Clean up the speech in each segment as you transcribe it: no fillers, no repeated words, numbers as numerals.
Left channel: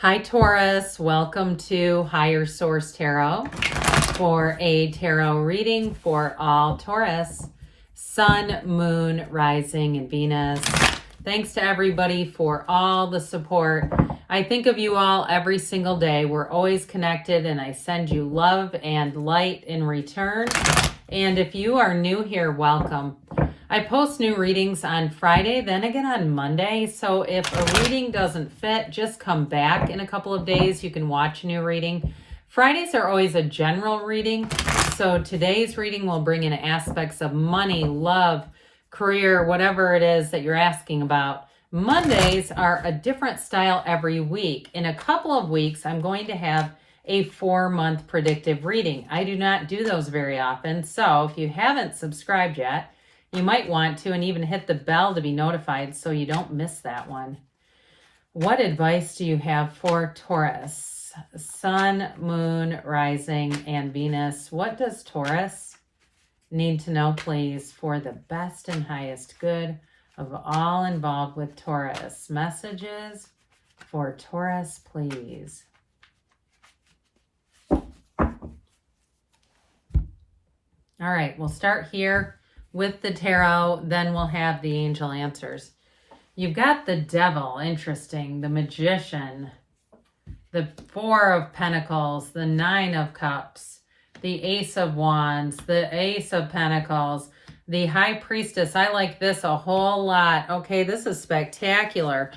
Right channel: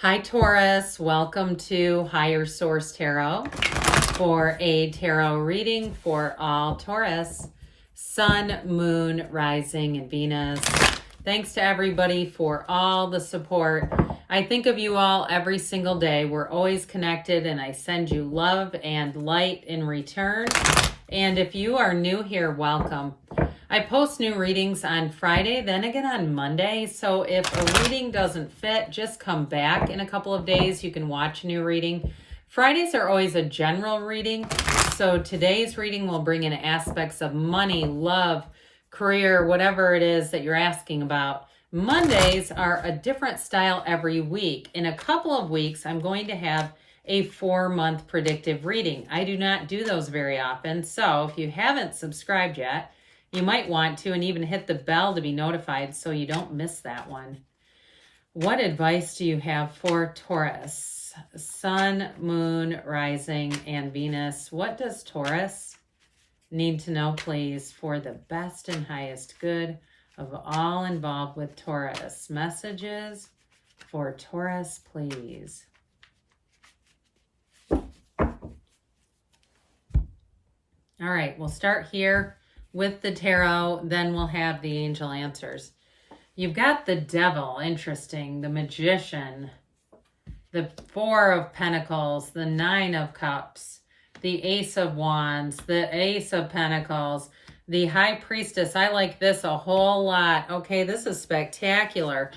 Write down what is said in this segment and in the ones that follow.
Hi Taurus, welcome to Higher Source Tarot for a tarot reading for all Taurus, Sun, Moon, Rising, and Venus. Thanks to everybody for all the support. I think of you all every single day. We're always connected and I send you love and light in return. And if you are new here, welcome. I post new readings on Friday, then again on Monday. So if a reading doesn't fit, just come back in a couple of days. You can watch a new reading. Fridays are always a general reading. So today's reading will bring in aspects of money, love, career, whatever it is that you're asking about. Mondays are a different style every week. In a couple of weeks, I'm going to have a 4-month predictive reading. I do not do those very often. So if you haven't subscribed yet, you might want to, and even hit the bell to be notified so you don't miss that one. What advice do you have for Taurus? Sun, Moon, Rising, and Venus. What does Taurus need to know, please, for the best and highest good of all involved with Taurus? Messages for Taurus, please. All right, we'll start here with the tarot, then we'll have the angel answers. You've got the Devil, interesting, the Magician, the 4 of Pentacles, the 9 of Cups, the Ace of Wands, the Ace of Pentacles, the High Priestess. I like this a whole lot. Okay, this is spectacular.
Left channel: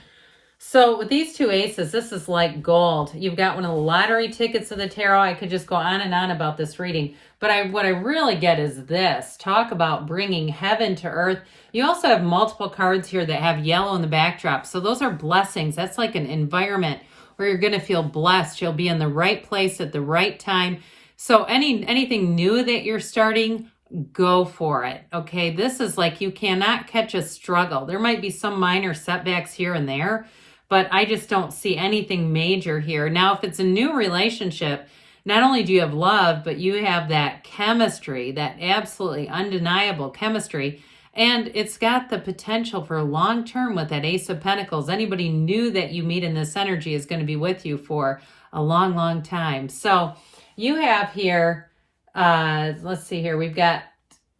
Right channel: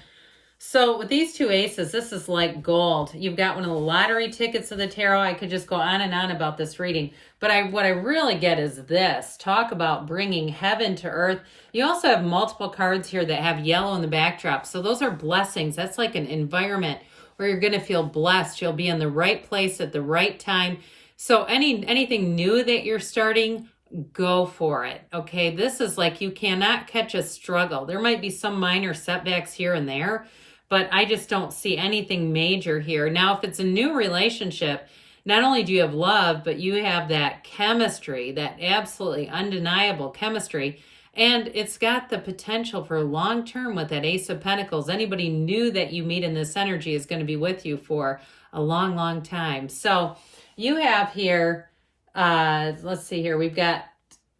So with these two aces, this is like gold. You've got one of the lottery tickets of the tarot. I could just go on and on about this reading. But what I really get is this. Talk about bringing heaven to earth. You also have multiple cards here that have yellow in the backdrop. So those are blessings. That's like an environment where you're going to feel blessed. You'll be in the right place at the right time. So anything new that you're starting, go for it. Okay, this is like you cannot catch a struggle. There might be some minor setbacks here and there, but I just don't see anything major here. Now, if it's a new relationship, not only do you have love, but you have that chemistry, that absolutely undeniable chemistry, and it's got the potential for long-term with that Ace of Pentacles. Anybody new that you meet in this energy is going to be with you for a long, long time. So you have here, let's see here, we've got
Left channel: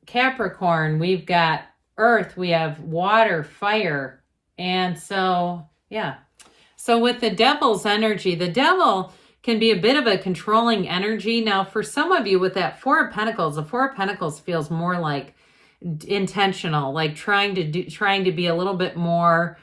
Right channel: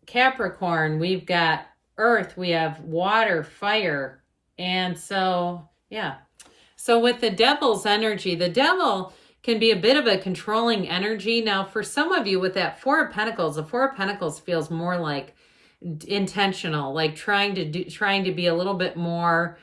Capricorn, we've got Earth, we have water, fire, and so yeah. So with the Devil's energy, the Devil can be a bit of a controlling energy. Now, for some of you with that 4 of Pentacles, the 4 of Pentacles feels more like intentional, like trying to be a little bit more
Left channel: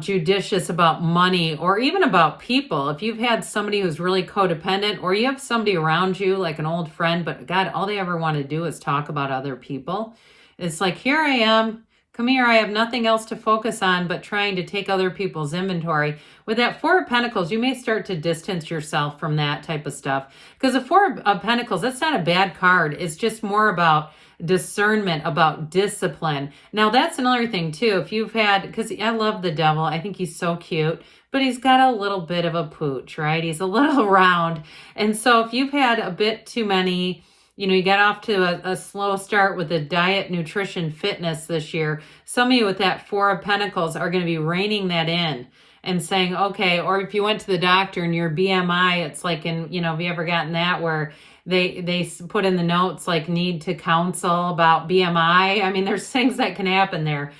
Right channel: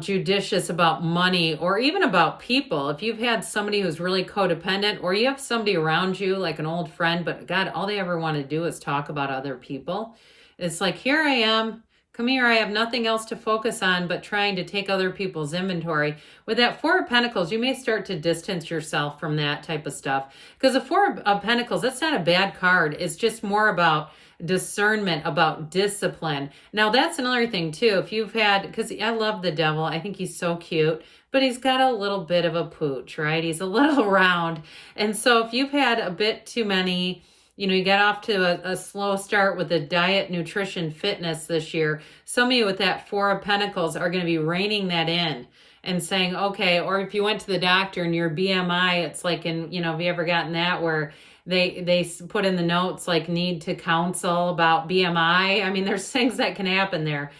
judicious about money or even about people. If you've had somebody who's really codependent, or you have somebody around you like an old friend, but God, all they ever want to do is talk about other people. It's like, here I am. Come here, I have nothing else to focus on but trying to take other people's inventory. With that 4 of Pentacles, you may start to distance yourself from that type of stuff. Because the 4 of Pentacles, that's not a bad card. It's just more about discernment, about discipline. Now, that's another thing, too. If you've had, because I love the Devil. I think he's so cute. But he's got a little bit of a pooch, right? He's a little round. And so if you've had a bit too many, you got off to a slow start with the diet, nutrition, fitness this year. Some of you with that 4 of Pentacles are going to be reining that in and saying, okay, or if you went to the doctor and your BMI, it's like have you ever gotten that where they put in the notes like need to counsel about BMI? I mean, there's things that can happen there.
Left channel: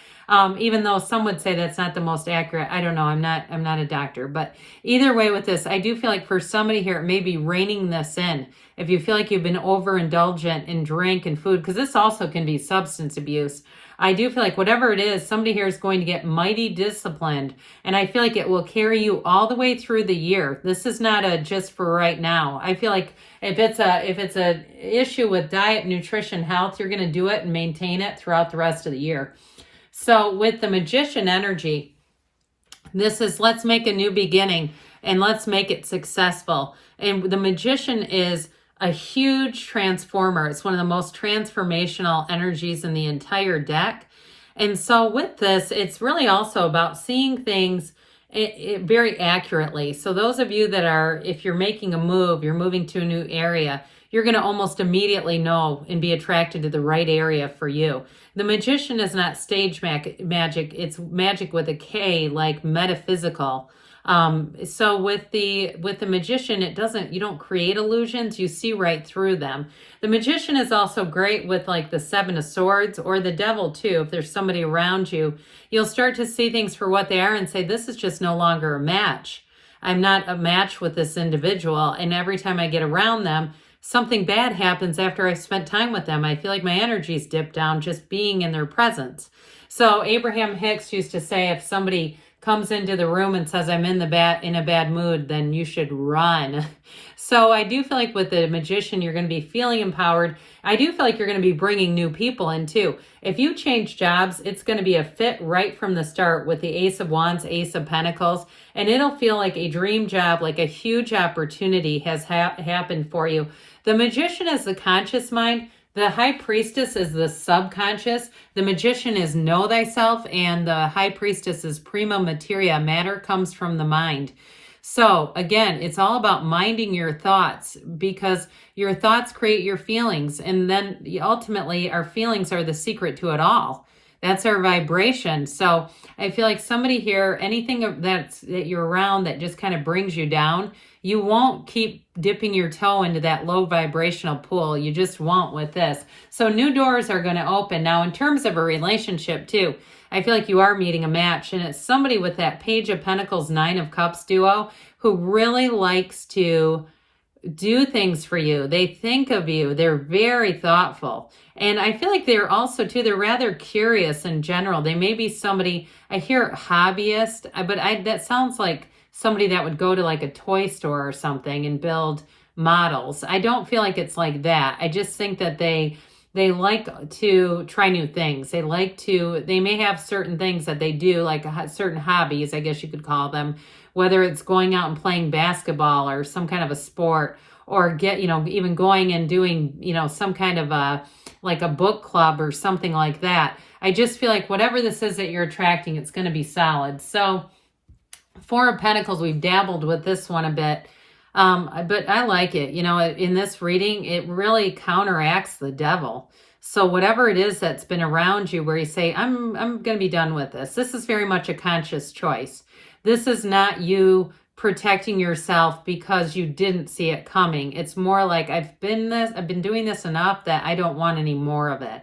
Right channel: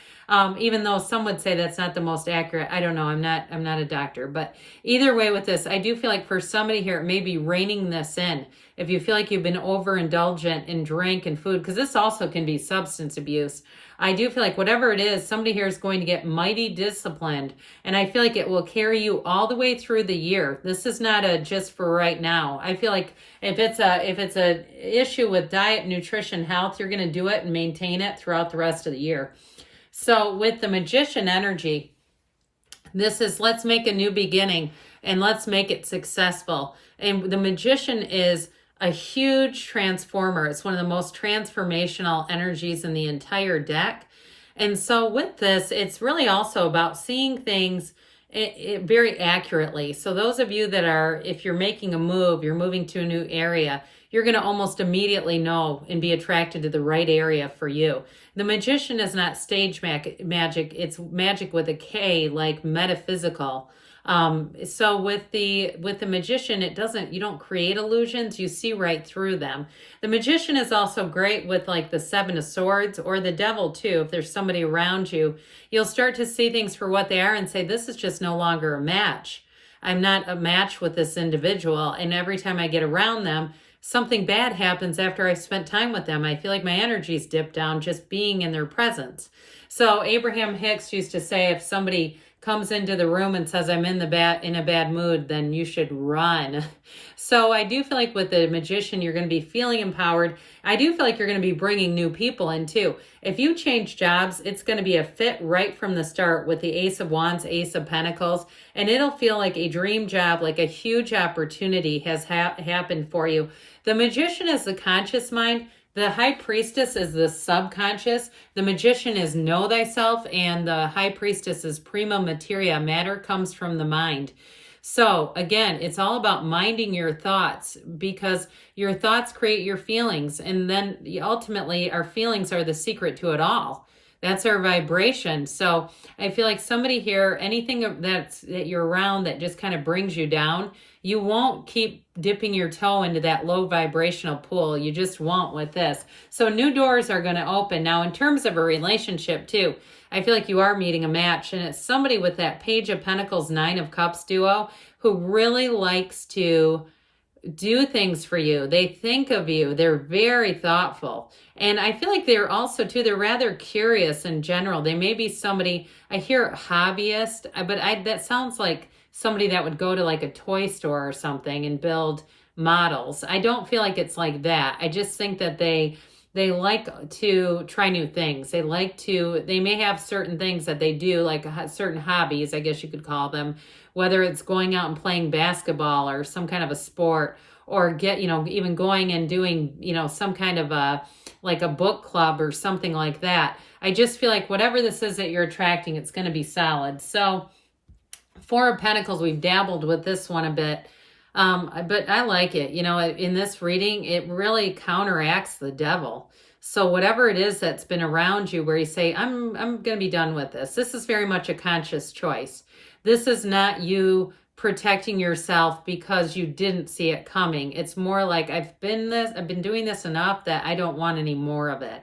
Even though some would say that's not the most accurate. I don't know. I'm not a doctor. But either way with this, I do feel like for somebody here, it may be reining this in. If you feel like you've been overindulgent in drink and food, because this also can be substance abuse. I do feel like whatever it is, somebody here is going to get mighty disciplined. And I feel like it will carry you all the way through the year. This is not a just for right now. I feel like if it's a issue with diet, nutrition, health, you're going to do it and maintain it throughout the rest of the year. So with the Magician energy, this is let's make a new beginning and let's make it successful. And the Magician is a huge transformer. It's one of the most transformational energies in the entire deck. And so with this, it's really also about seeing things very accurately. So those of you that are, if you're making a move, you're moving to a new area, you're going to almost immediately know and be attracted to the right area for you. The Magician is not stage magic. It's magic with a K, like metaphysical. So with the Magician, you don't create illusions, you see right through them. The Magician is also great with like the Seven of Swords or the Devil too. If there's somebody around you, you'll start to see things for what they are and say, this is just no longer a match. I'm not a match with this individual. And every time I get around them, something bad happens after I spent time with them. I feel like my energy's dipped down just being in their presence. So Abraham Hicks used to say, if somebody comes into the room and says, I'm in a bad mood, then you should run. So I do feel like with the Magician, you're going to be feeling empowered. I do feel like you're going to be bringing new people in too. If you change jobs, it's going to be a fit right from the start with the Ace of Wands, Ace of Pentacles, and it'll feel like a dream job, like a huge opportunity has happened for you. The Magician is the conscious mind. The High Priestess is the subconscious. The Magician is know thyself, and the High Priestess is prima materia. Matter comes from the mind. So again, it's all about minding your thoughts, because your thoughts create your feelings. And then ultimately our feelings are the secret to it all. That's our vibration. So I feel like somebody here, anything that you're around that just kind of brings you down, you won't keep dipping your toe into that low vibrational pool. You just won't with this. So new doors are going to open. Now, in terms of a relationship too, I feel like you are meeting a match, and it's somebody with that Page of Pentacles, Nine of Cups duo who really likes to do things for you. They think of you. They're very thoughtful. And I feel like they're also too, they're rather curious in general. They may be somebody, I hear hobbyist, but that sounds like somebody that would go to like a toy store or something and build models. I don't feel like it's like that. I just think that they like to try new things. They may have certain things that they do, like certain hobbies, I guess you could call them, whether it's going out and playing basketball or some kind of a sport, or even going and doing, some kind of like a book club or something like that. I just feel like whatever this is that you're attracting, it's going to be solid. So Four of Pentacles, we've dabbled with this one a bit, but I like it. In this reading, it really counteracts the Devil. So whatever it is that's been around you where you say, I'm going to be done with this. This is very much a conscious choice. This is not you protecting yourself because you didn't see it coming. It's more like I've been doing this enough that I don't want any more of it.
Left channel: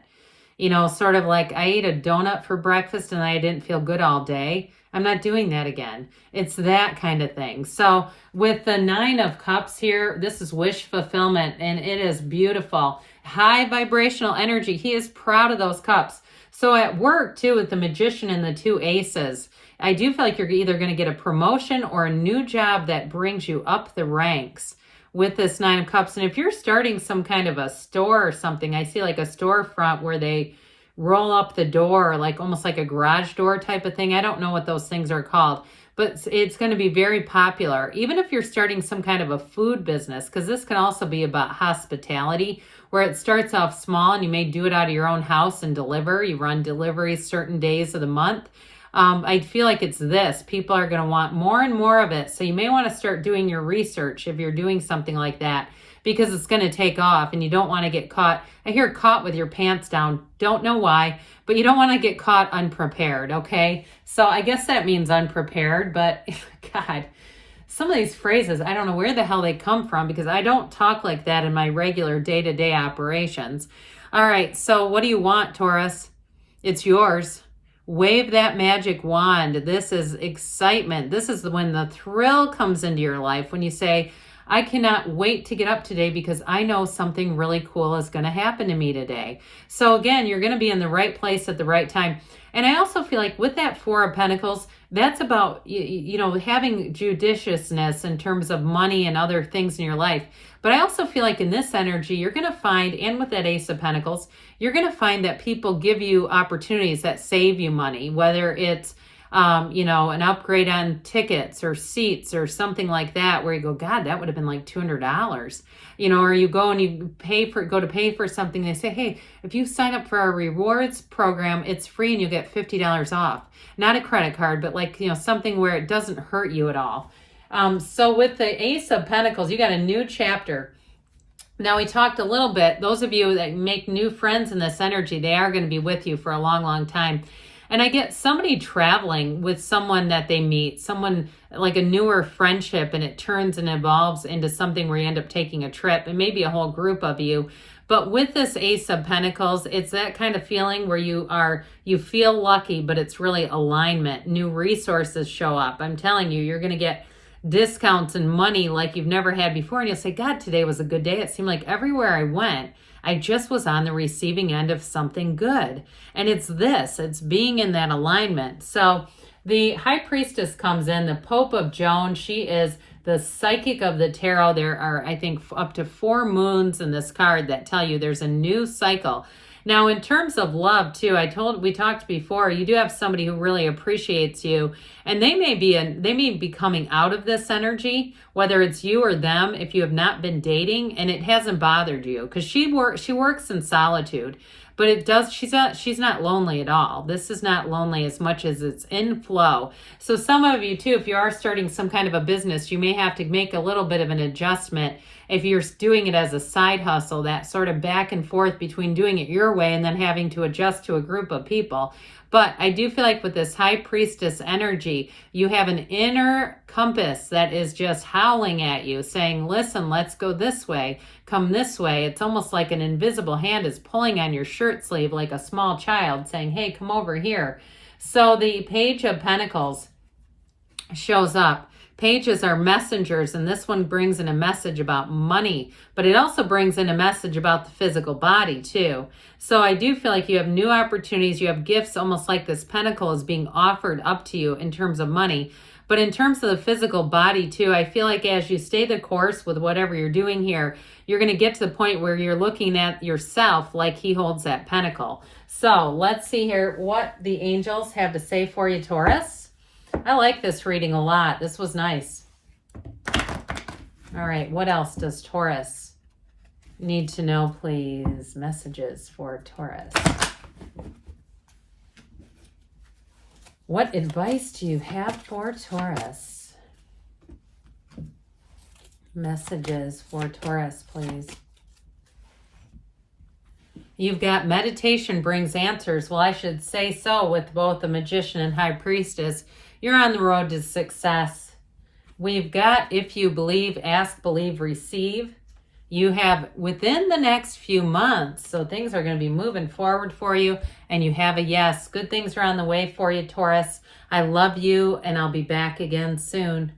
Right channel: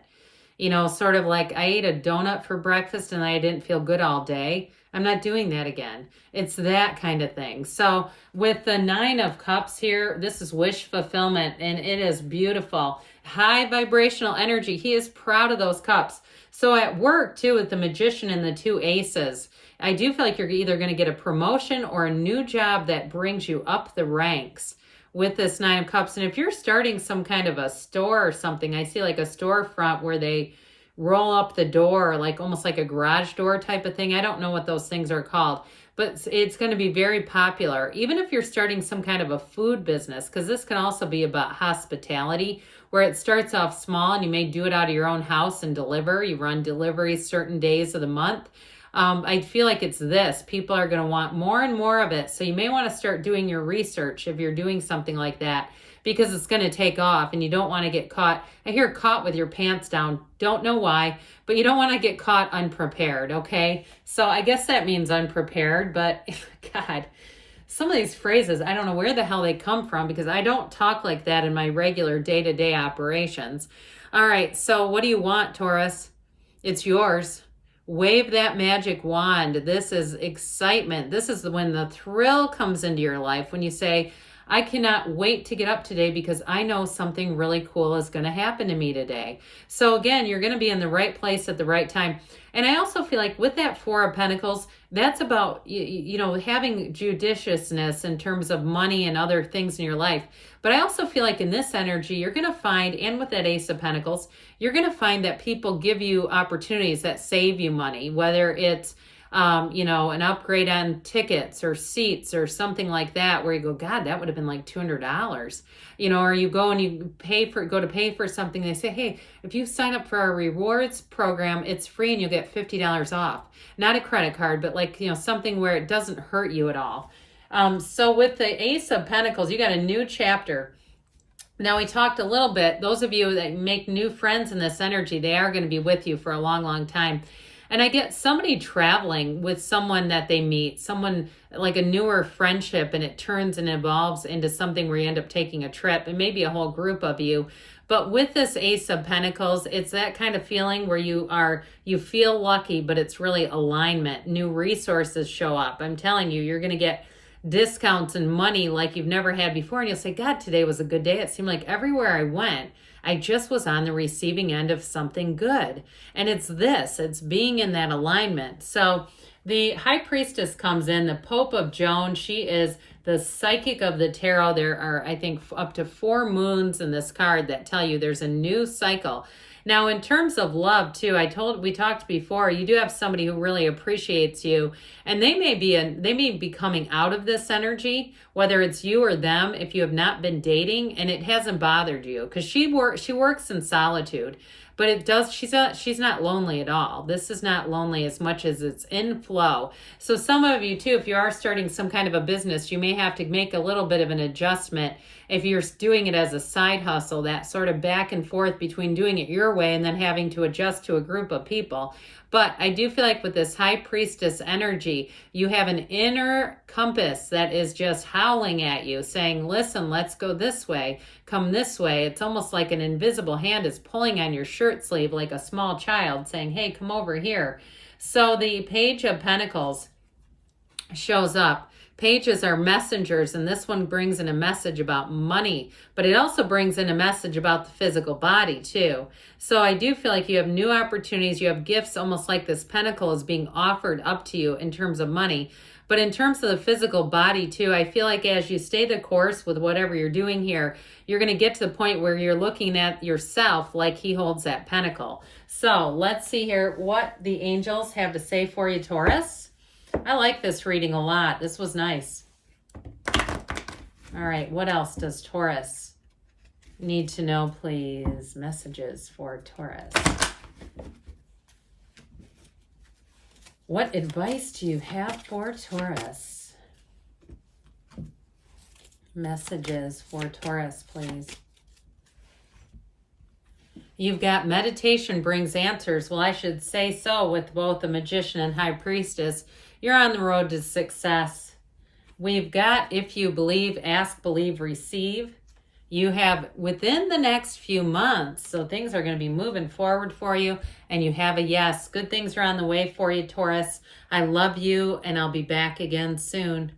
Sort of like I ate a donut for breakfast and I didn't feel good all day. I'm not doing that again. It's that kind of thing. So with the Nine of Cups here, this is wish fulfillment, and it is beautiful. High vibrational energy. He is proud of those cups. So at work too, with the Magician and the two aces, I do feel like you're either going to get a promotion or a new job that brings you up the ranks with this Nine of Cups. And if you're starting some kind of a store or something, I see like a storefront where they roll up the door, like almost like a garage door type of thing. I don't know what those things are called, but it's going to be very popular. Even if you're starting some kind of a food business, because this can also be about hospitality, where it starts off small and you may do it out of your own house and deliver. You run deliveries certain days of the month. I feel like it's this. People are going to want more and more of it. So you may want to start doing your research if you're doing something like that, because it's going to take off and you don't want to get caught. I hear caught with your pants down. Don't know why, but you don't want to get caught unprepared, okay? So I guess that means unprepared, but God, some of these phrases, I don't know where the hell they come from, because I don't talk like that in my regular day-to-day operations. All right, so what do you want, Taurus? It's yours. Wave that magic wand. This is excitement. This is when the thrill comes into your life, when you say, I cannot wait to get up today because I know something really cool is going to happen to me today. So again, you're going to be in the right place at the right time. And I also feel like with that Four of Pentacles, that's about, having judiciousness in terms of money and other things in your life. But I also feel like in this energy, you're going to find, and with that Ace of Pentacles, you're going to find that people give you opportunities that save you money, whether it's an upgrade on tickets or seats or something like that, where you go, God, that would have been like $200, or you go and you go to pay for something. They say, hey, if you sign up for our rewards program, it's free and you get $50 off. Not a credit card, but like, something where it doesn't hurt you at all. So with the Ace of Pentacles, you got a new chapter. Now we talked a little bit, those of you that make new friends in this energy, they are going to be with you for a long, long time. And I get somebody traveling with someone that they meet, someone like a newer friendship, and it turns and evolves into something where you end up taking a trip, and maybe a whole group of you. But with this Ace of Pentacles, it's that kind of feeling where you feel lucky, but it's really alignment. New resources show up. I'm telling you, you're going to get discounts and money like you've never had before. And you'll say, God, today was a good day. It seemed like everywhere I went, I just was on the receiving end of something good. And it's being in that alignment. So the High Priestess comes in, the Pope of Joan. She is the psychic of the tarot. There are, I think, up to 4 moons in this card that tell you there's a new cycle. Now, in terms of love, too, we talked before, you do have somebody who really appreciates you, and they may be coming out of this energy, whether it's you or them, if you have not been dating, and it hasn't bothered you, because she works in solitude, but she's not lonely at all. This is not lonely as much as it's in flow. So some of you, too, if you are starting some kind of a business, you may have to make a little bit of an adjustment. If you're doing it as a side hustle, that sort of back and forth between doing it your way and then having to adjust to a group of people. But I do feel like with this High Priestess energy, you have an inner compass that is just howling at you, saying, listen, let's go this way, come this way. It's almost like an invisible hand is pulling on your shirt sleeve like a small child saying, hey, come over here. So the Page of Pentacles shows up. Pages are messengers, and this one brings in a message about money, but it also brings in a message about the physical body too. So I do feel like you have new opportunities, you have gifts, almost like this pentacle is being offered up to you in terms of money. But in terms of the physical body too, I feel like as you stay the course with whatever you're doing here, you're going to get to the point where you're looking at yourself like he holds that pentacle. So let's see here what the angels have to say for you, Taurus. I like this reading a lot. This was nice. All right, what else does Taurus need to know, please? Messages for Taurus. What advice do you have for Taurus? Messages for Taurus, please. You've got meditation brings answers. Well, I should say so with both the Magician and High Priestess. You're on the road to success. We've got, if you believe, ask, believe, receive. You have within the next few months, so things are going to be moving forward for you, and you have a yes. Good things are on the way for you, Taurus. I love you, and I'll be back again soon.